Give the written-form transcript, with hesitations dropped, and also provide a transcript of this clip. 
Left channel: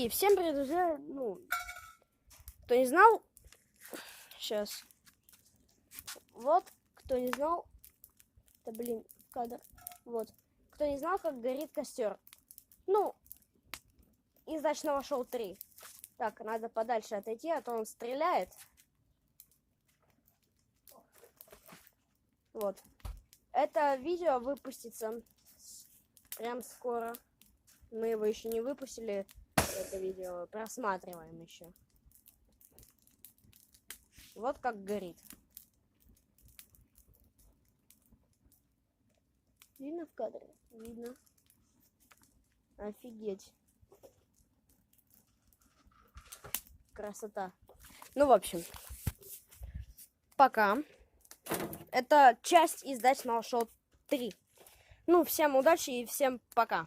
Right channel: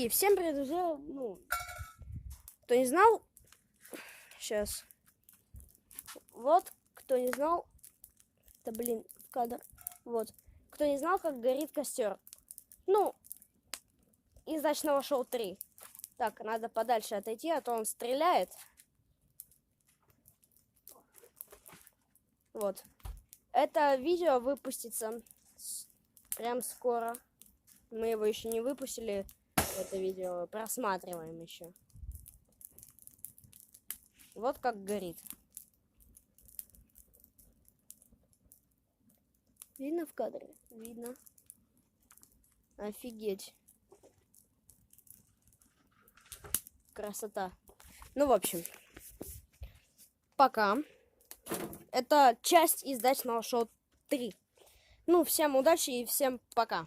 И всем привет, друзья. Ну, кто не знал, сейчас. Вот, кто не знал, да блин, кадр. Вот, кто не знал, как горит костер. Ну, из ночного шоу 3. Так, надо подальше отойти, а то он стреляет. Вот. Это видео выпустится прям скоро. Мы его еще не выпустили. Это видео просматриваем еще. Вот как горит. Видно в кадре? Видно. Офигеть. Красота. Ну, в общем. Пока. Это часть из дачного шоу 3. Ну, всем удачи и всем пока.